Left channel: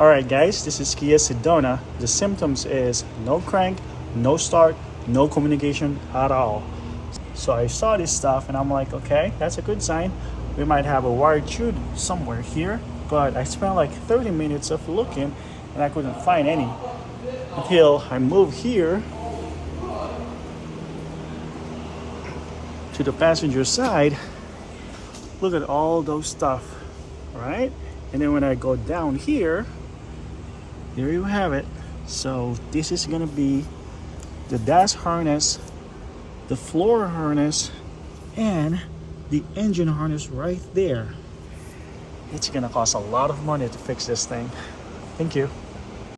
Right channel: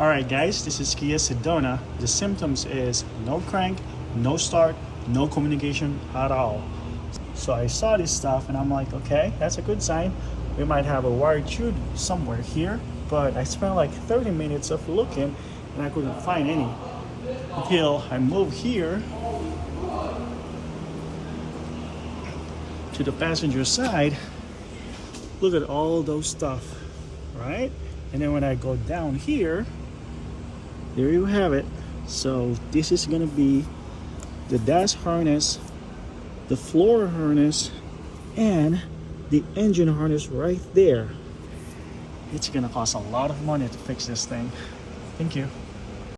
Alright guys, this is Kia Sedona. The symptoms is no crank, no start, no communication at all. So I saw this stuff and I'm like, okay, that's a good sign. We might have a wired tube somewhere here, but I spent like 30 minutes of looking and I couldn't find any until I moved here to the passenger side. Look at all those stuff, right? And then when I go down here, there you have it. So this is gonna be the dash harness, the floor harness, and the engine harness right there. It's gonna cost a lot of money to fix this thing. Thank you.